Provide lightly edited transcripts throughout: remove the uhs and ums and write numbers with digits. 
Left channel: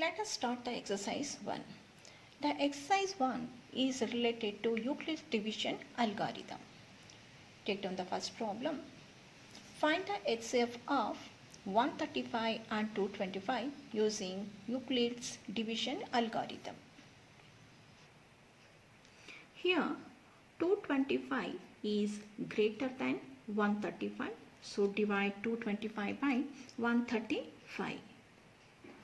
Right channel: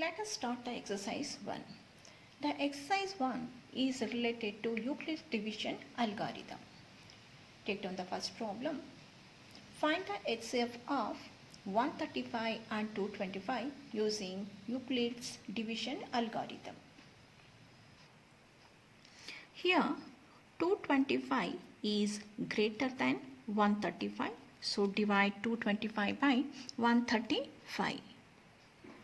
Let us start the exercise 1. The exercise 1 is related to Euclid's division algorithm. Take down the first problem. Find the HCF of 135 and 225 using Euclid's division algorithm. Here 225 is greater than 135. So divide 225 by 135.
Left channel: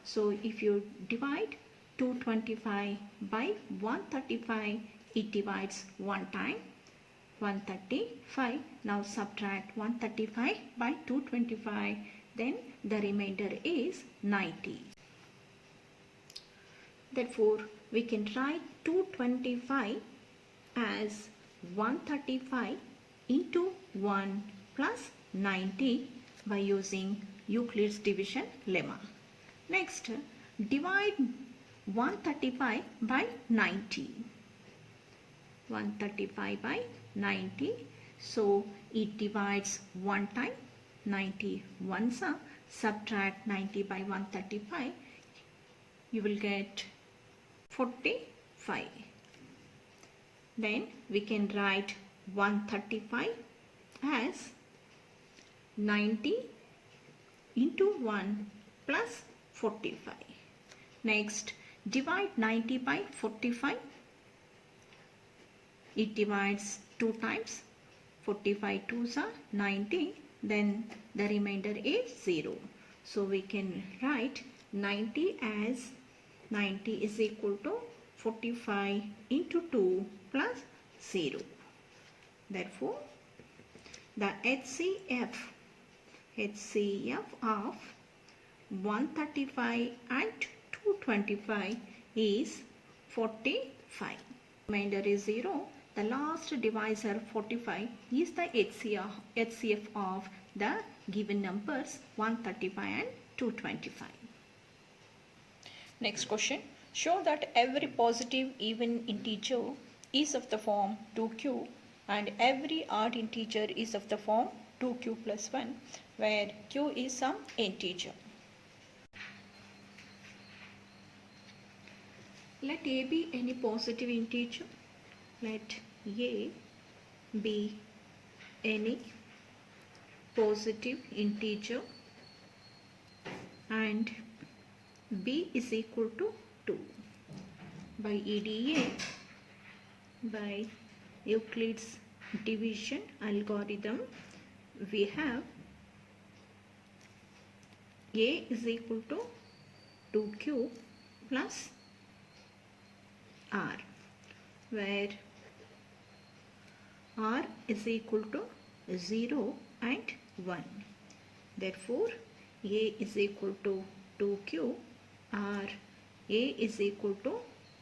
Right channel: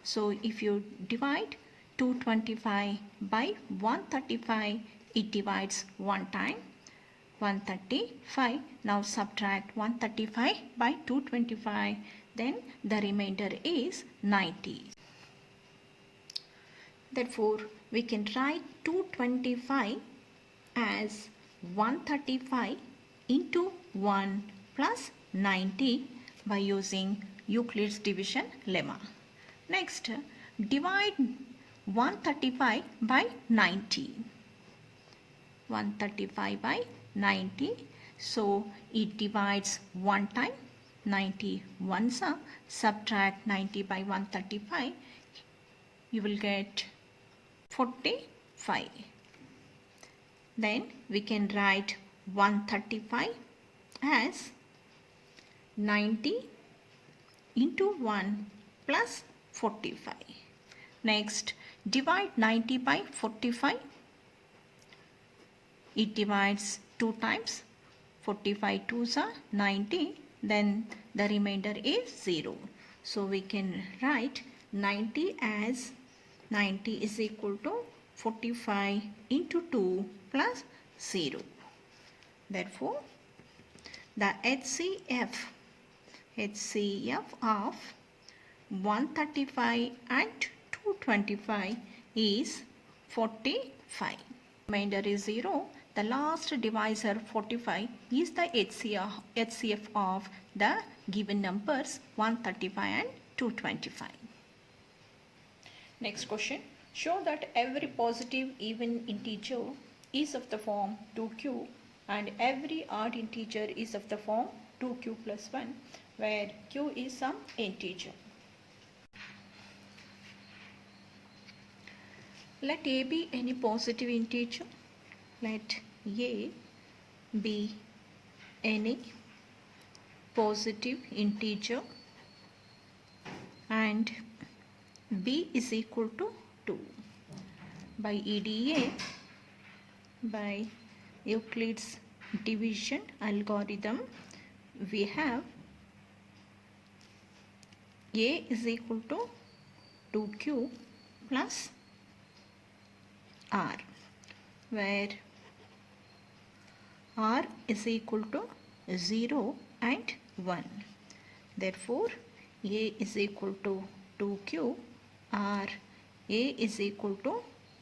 So if you divide 225 by 135, it divides one time, 135. Now subtract 135 by 225, then the remainder is 90. Therefore, we can write 225 as 135 into 1 plus 90 by using Euclid's division lemma. Next, divide 135 by 90. 135 by 90. So it divides one time, 90 once. Subtract 90 by 135. You will get 45. Then we can write 135 as 90 into 1 plus 45. Next, divide 90 by 45. It divides two times. 45 2s are 90. Then the remainder is 0. So we can write 90 as 90 is equal to 45 into 2 plus 0. Therefore, the HCF of 135 and 225 is 45. Remainder is 0. The last divisor 45 is the HCF of the given numbers 135 and 225. Next question. Show that every positive even integer is of the form 2q and every odd integer is of the form 2q plus 1 where q is some integer. Let a be any positive integer. Let a be any positive integer and b is equal to 2. By EDA, by Euclid's division algorithm, we have a is equal to 2q plus r, where r is equal to 0 and 1. Therefore, a is equal to 2q, r a is equal to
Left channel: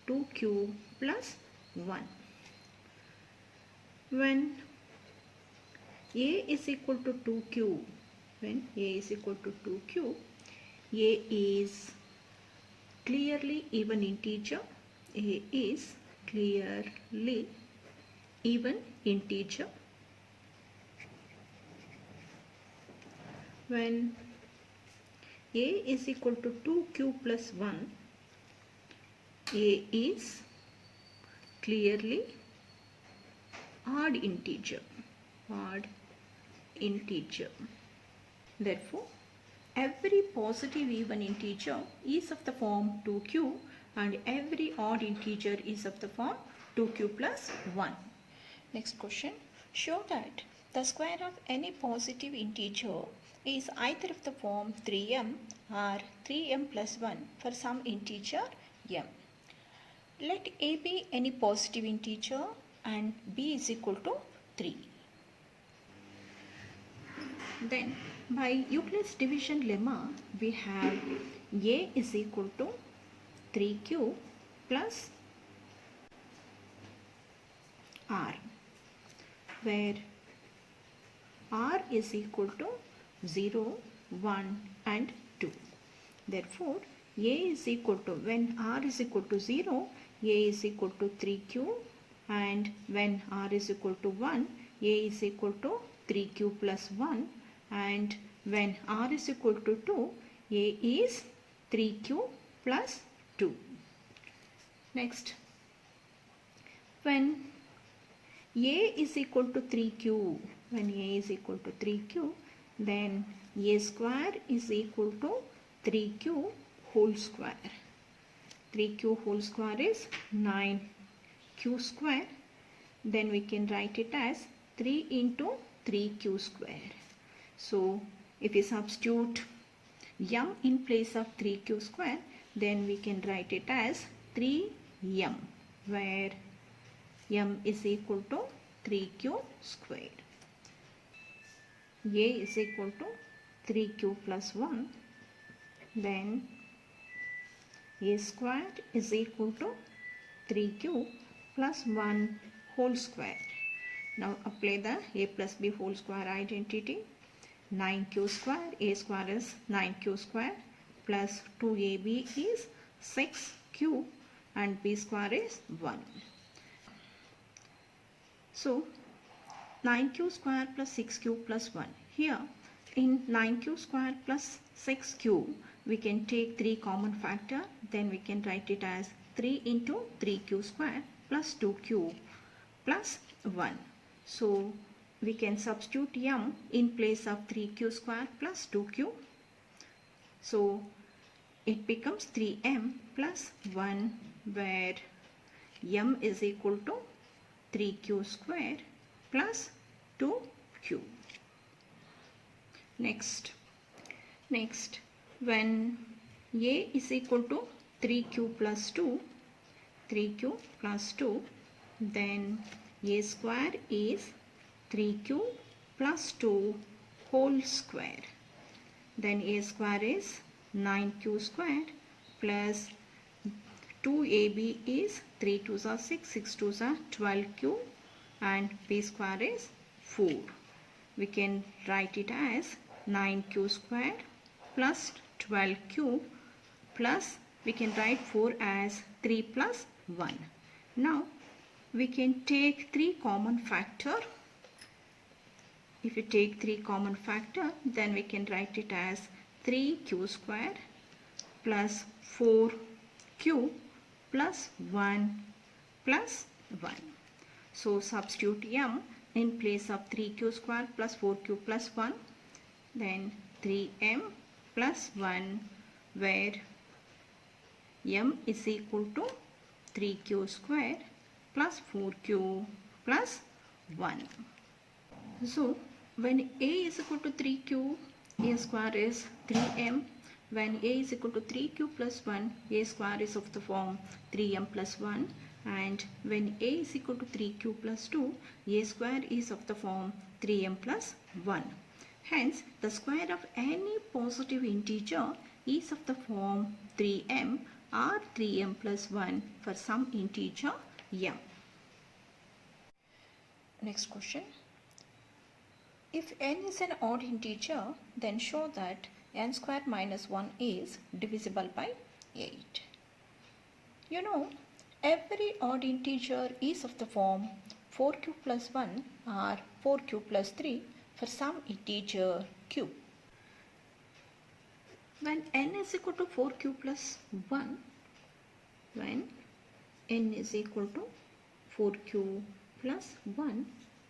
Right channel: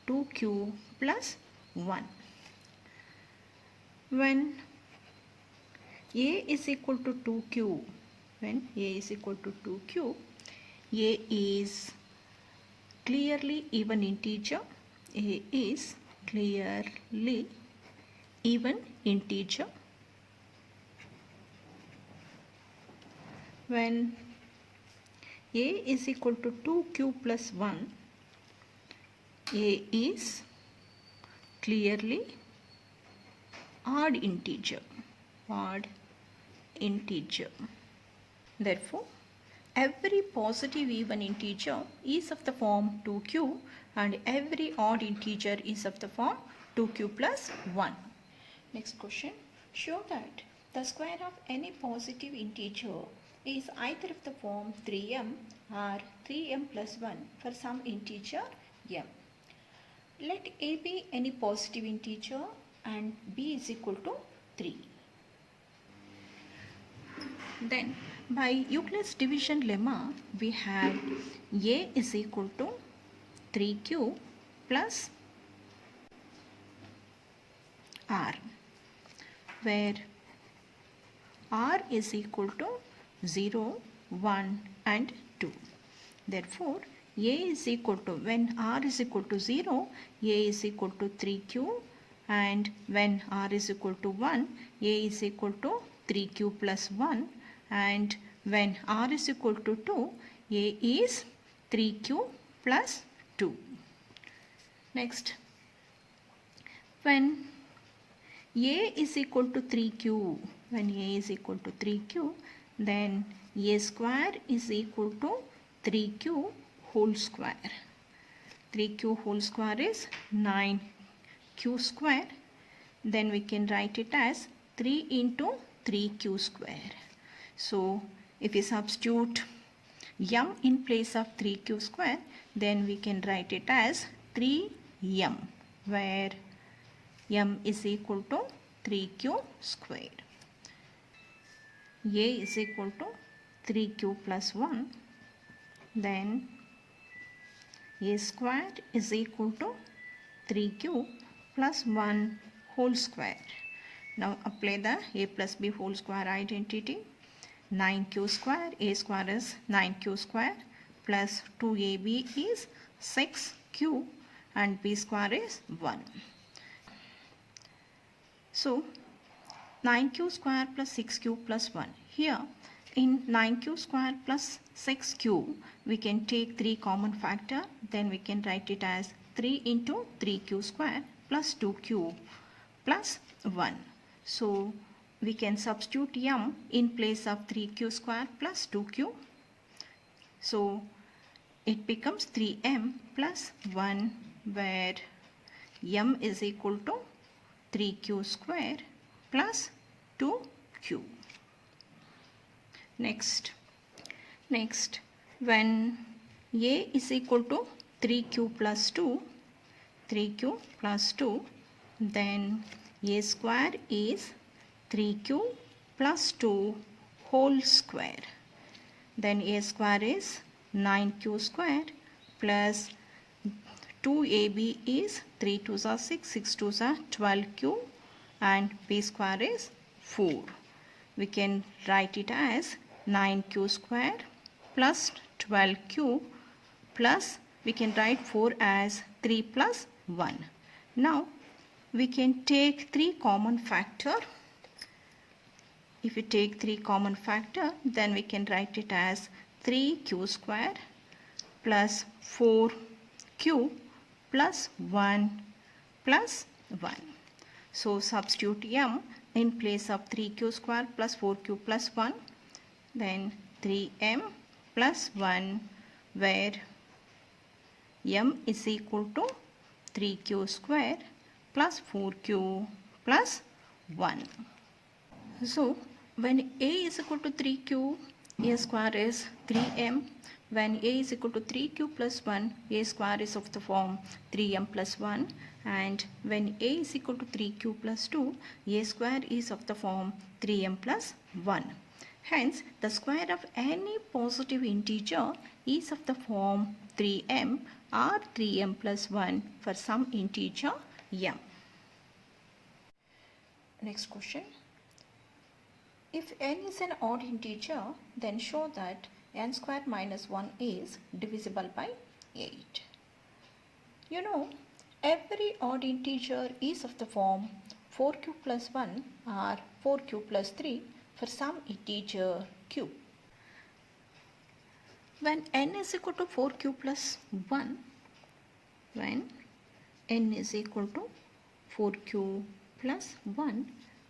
2q plus 1. When a is equal to 2q, when a is equal to 2q, a is clearly even integer. A is clearly even integer. When a is equal to 2q plus 1, a is clearly odd integer. Odd integer. Therefore, every positive even integer is of the form 2q and every odd integer is of the form 2q plus 1. Next question. Show that the square of any positive integer is either of the form 3m or 3m plus 1 for some integer m. Let a be any positive integer and b is equal to 3. Then by Euclid's division lemma, we have a is equal to 3q plus r, where r is equal to 0, 1 and 2. Therefore, a is equal to, when r is equal to 0, a is equal to 3q, and when r is equal to 1, a is equal to 3q plus 1, and when r is equal to 2, a is 3q plus 2. Next, when A is equal to 3q, then A square is equal to 3q whole square. 3q whole square is 9q square. Then we can write it as 3 into 3q square. So if we substitute m in place of 3q square, then we can write it as 3m, where m is equal to 3q square. A is equal to 3q plus 1. Then A square is equal to 3q plus 1 whole square. Now apply the a plus b whole square identity. 9q square, a square is 9q square, plus 2ab is 6q, and b square is 1. So 9q square plus 6q plus 1. Here in 9q square plus 6q, we can take 3 common factor. Then we can write it as 3 into 3q square plus 2q plus 1. So we can substitute m in place of 3q square plus 2q. So it becomes 3m plus 1, where m is equal to 3q square plus 2q. Next, when a is equal to 3q plus 2, then a square is 3q plus 2 whole square. Then a square is 9q square plus 2ab is 3 2s are 6, 6 2s are 12q, and b square is 4. We can write it as 9q square plus 12q plus, we can write 4 as 3 plus 1. Now we can take 3 common factor. If we take 3 common factor, then we can write it as 3q square plus 4q plus 1 plus 1. So substitute m in place of 3q square plus 4q plus 1, then 3m plus 1, where m is equal to 3q square plus 4q plus 1. So when a is equal to 3q, a square is 3m. When a is equal to 3q plus 1, a square is of the form 3m plus 1. And when a is equal to 3q plus 2, a square is of the form 3m plus 1. Hence, the square of any positive integer is of the form 3m or 3m plus 1 for some integer m. Next question. If n is an odd integer, then show that n square minus 1 is divisible by 8. You know, every odd integer is of the form 4q plus 1 or 4q plus 3 for some integer q. When n is equal to 4q plus 1,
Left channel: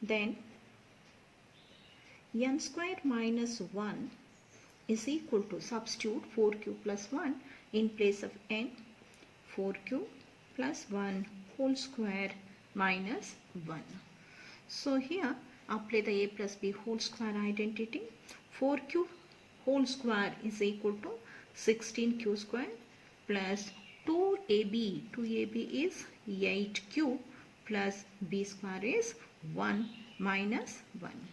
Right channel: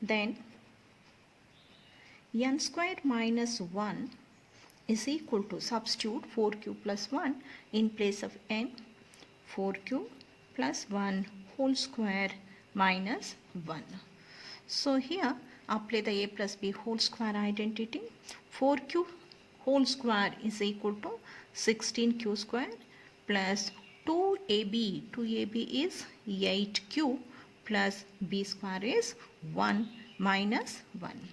then n square minus 1 is equal to, substitute 4q plus 1 in place of n, 4q plus 1 whole square minus 1. So here apply the a plus b whole square identity. 4q whole square is equal to 16q square plus 2ab is 8q plus b square is 1 minus 1.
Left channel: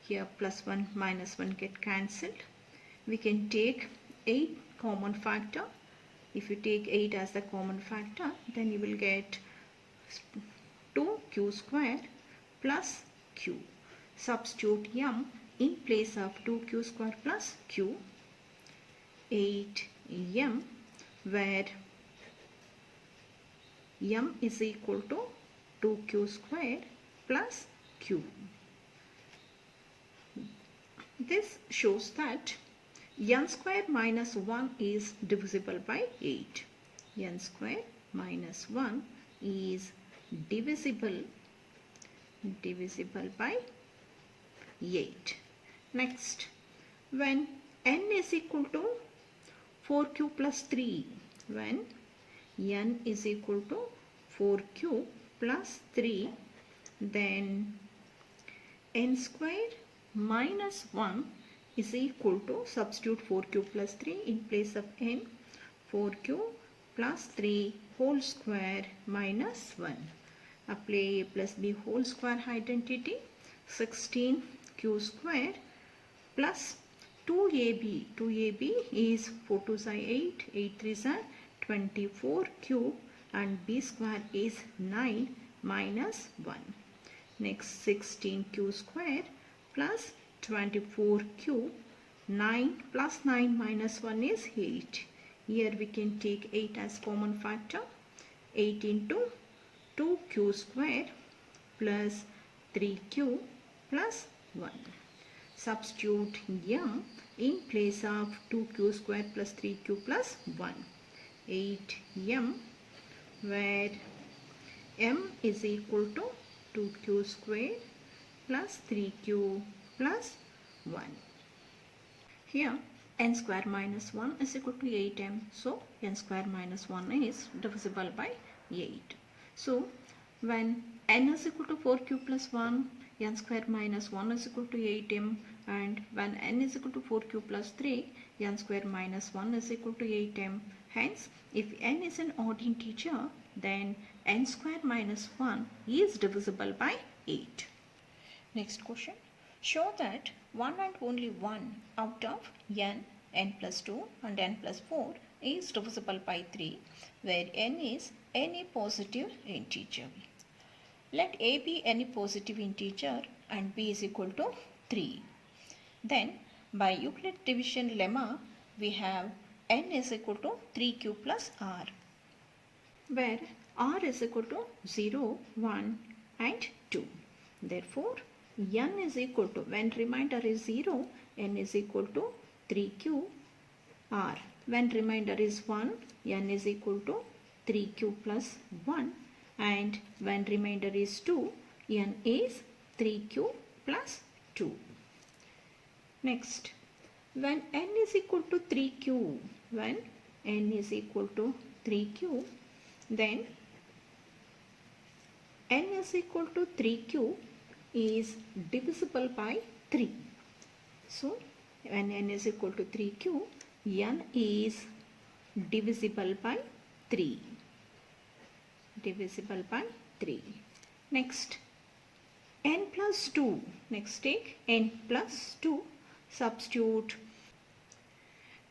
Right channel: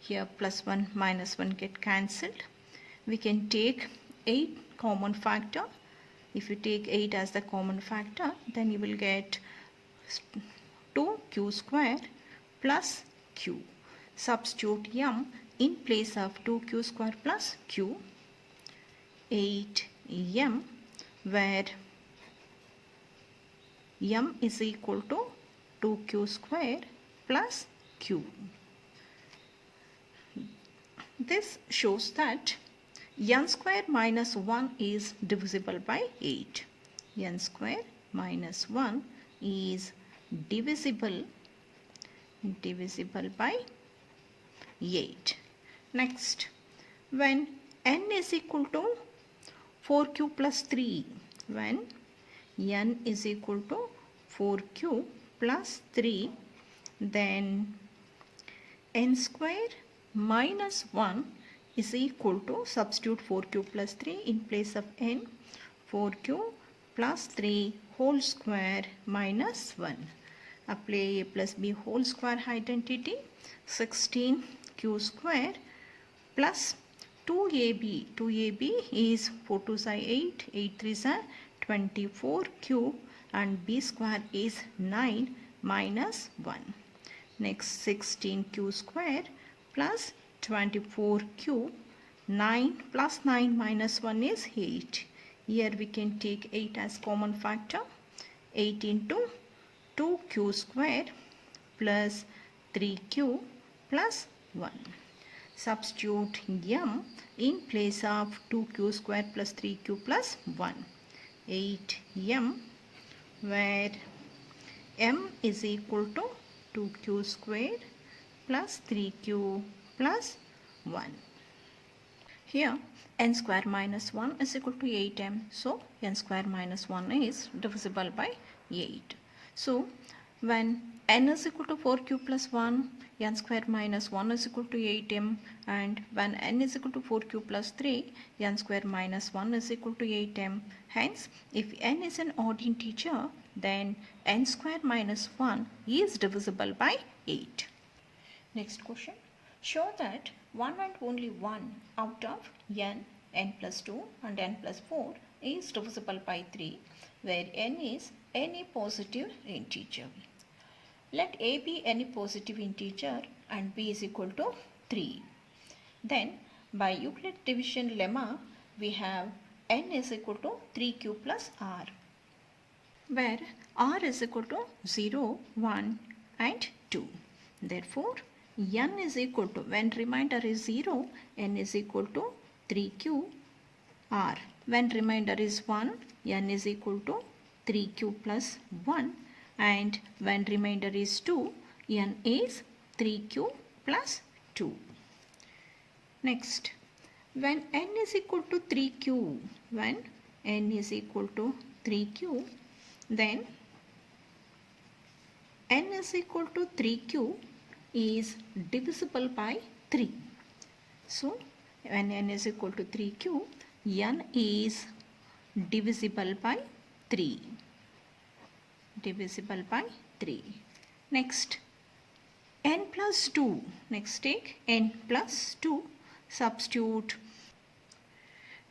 Here plus 1 minus 1 get cancelled. We can take 8 common factor. If you take 8 as the common factor, then you will get 2q square plus q. Substitute m in place of 2q square plus q, 8m, where m is equal to 2q square plus q. This shows that n square minus 1 is divisible by 8. N square minus 1 is divisible by 8. Next, when n is equal to 4q plus 3, when n is equal to 4q plus 3, then n square minus 1 is equal to, substitute 4q plus 3 in place of n, 4q plus 3 whole square minus 1. Apply a plus b whole square identity, 16q square plus 2ab. 2ab is 4 2s are 8, 8 3s are 24 cube, and b square is 9 minus 1. Next, 16q square plus 24 cube, 9 plus 9 minus 1 is 8. Here we can take 8 as common factor. 8 into 2q square plus 3q plus 1. Substitute m in place of 2q square plus 3q plus 1. 8m, where m is equal to 2q square plus 3q plus 1. Here n square minus 1 is equal to 8m. So n square minus 1 is divisible by 8. So when n is equal to 4q plus 1, n square minus 1 is equal to 8m, and when n is equal to 4q plus 3, n square minus 1 is equal to 8m. Hence, if n is an odd integer, then n square minus 1 is divisible by 8. Next question. Show that 1 and only 1 out of n plus 2 and n plus 4 is divisible by 3, where n is any positive integer. Let a be any positive integer and b is equal to 3. Then by Euclid division lemma, we have n is equal to 3q plus r, where r is equal to 0, 1 and 2. Therefore, n is equal to, when remainder is 0, n is equal to 3q r. When remainder is 1, n is equal to 3q plus 1, and when remainder is 2, n is 3q plus 2. Next, when n is equal to 3q, when n is equal to 3q, then n is equal to 3q is divisible by 3. So, when n is equal to 3q, n is divisible by 3. Divisible by 3. Next, n plus 2. Next, take n plus 2. Substitute.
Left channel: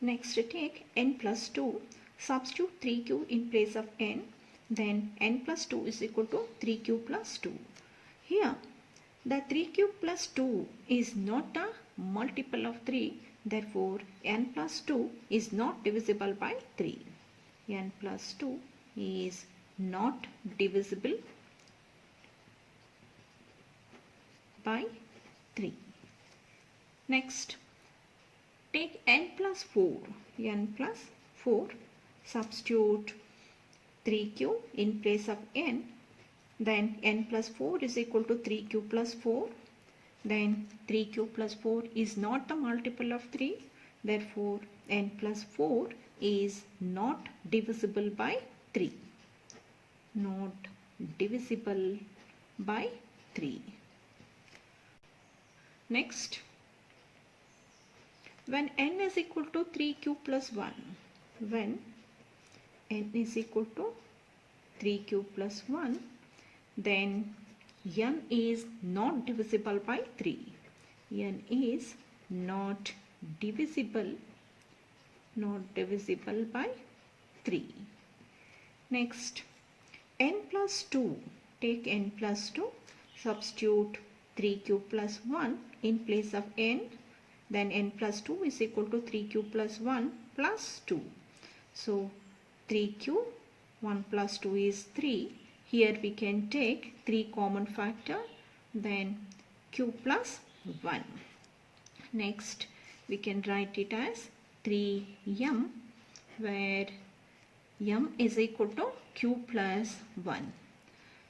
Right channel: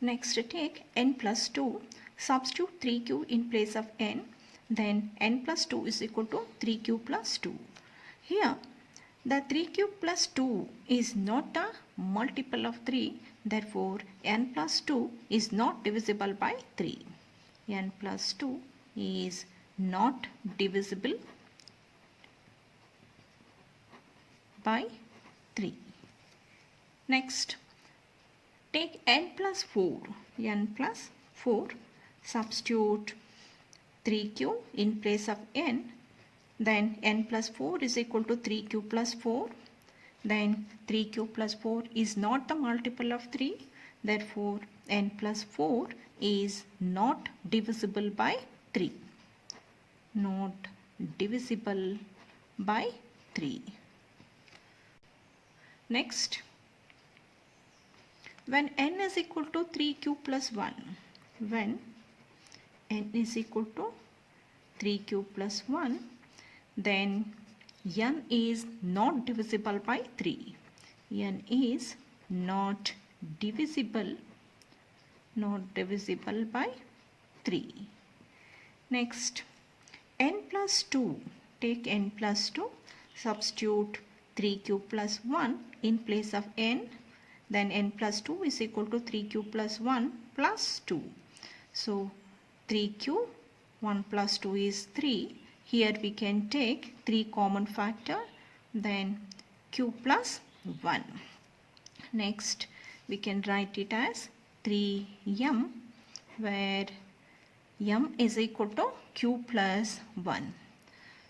Next, take n plus 2. Substitute 3q in place of n. Then n plus 2 is equal to 3q plus 2. Here, the 3q plus 2 is not a multiple of 3. Therefore, n plus 2 is not divisible by 3. N plus 2 is not divisible by 3. Next, take n plus 4. N plus 4. Substitute 3q in place of n. Then n plus 4 is equal to 3q plus 4. Then 3q plus 4 is not the multiple of 3. Therefore, n plus 4 is not divisible by 3. Not divisible by 3. Next, when n is equal to 3q plus 1, when n is equal to 3q plus 1, then n is not divisible by 3. N is not divisible by 3. Next, n plus 2. Take n plus 2. Substitute 3q plus 1 in place of n. Then n plus 2 is equal to 3q plus 1 plus 2. So, 3q, 1 plus 2 is 3. Here we can take 3 common factor. Then q plus 1. Next, we can write it as 3m, where m is equal to q plus 1.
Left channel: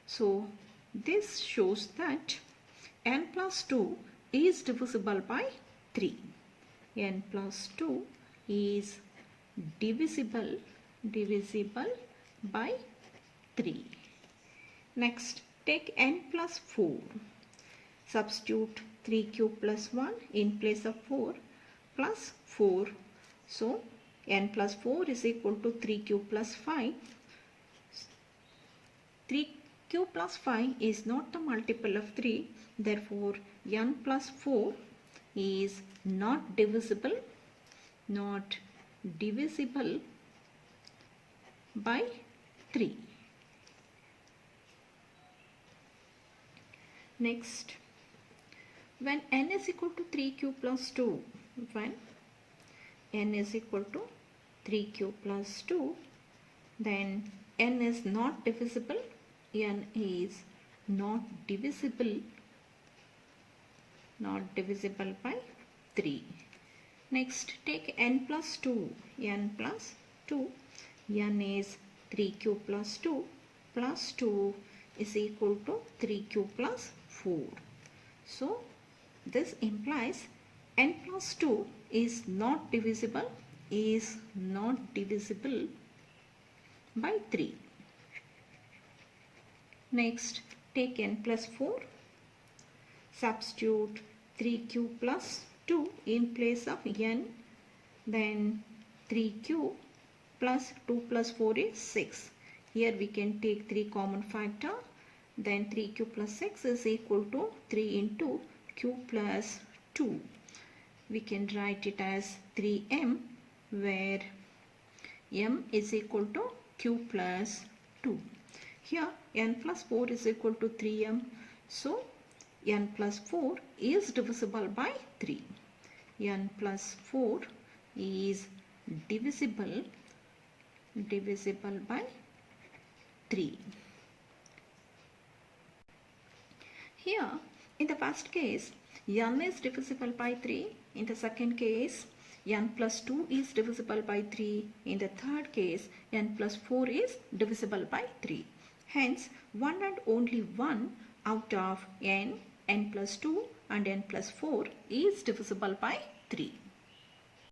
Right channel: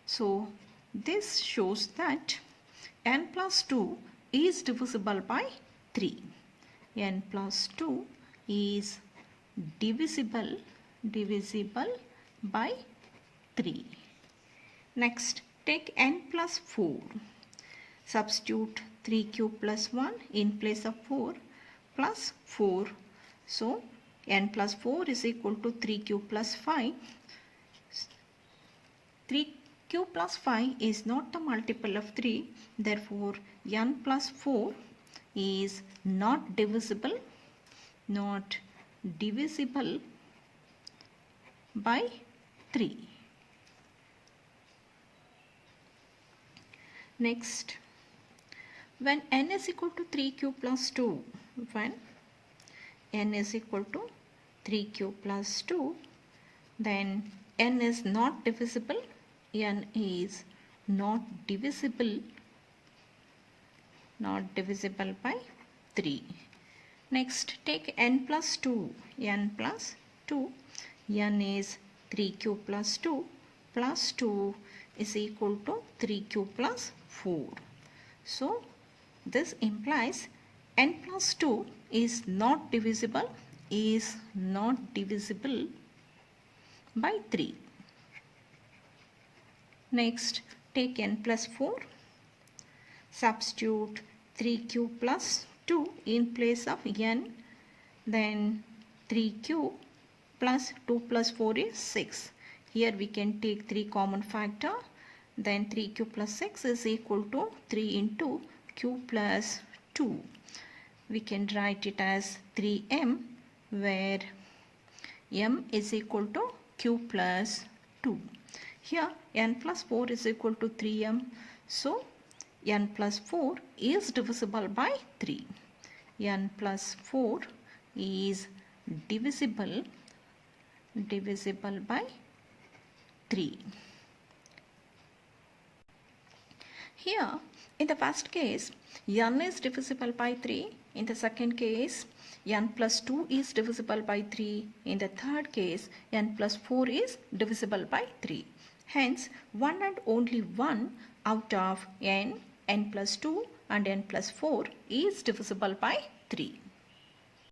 So this shows that n plus 2 is divisible by 3. N plus 2 is divisible by 3. Next, take n plus 4. Substitute 3q plus 1 in place of 4 plus 4. So n plus 4 is equal to 3q plus 5. 3q plus 5 is not the multiple of 3. Therefore, n plus 4 is not divisible by 3. Next, when n is equal to 3q plus 2, when n is equal to 3q plus 2, then n is not divisible. N is not divisible by 3. Next, take n plus 2. N plus 2. N is 3q plus 2 plus 2 is equal to 3q plus 4. So this implies n plus 2 is not divisible by 3. Next, take n plus 4. Substitute 3q plus 2 in place of n. Then 3q plus 2 plus 4 is 6. Here we can take 3 common factor. Then 3q plus 6 is equal to 3 into q plus 2. We can write it as 3m, where m is equal to q plus 2. Here n plus 4 is equal to 3m. So n plus 4 is divisible by 3. N plus 4 is divisible by 3. Here, in the first case, n is divisible by 3. In the second case, n plus 2 is divisible by 3. In the third case, n plus 4 is divisible by 3. Hence, one and only one out of n plus 2 and n plus 4 is divisible by 3.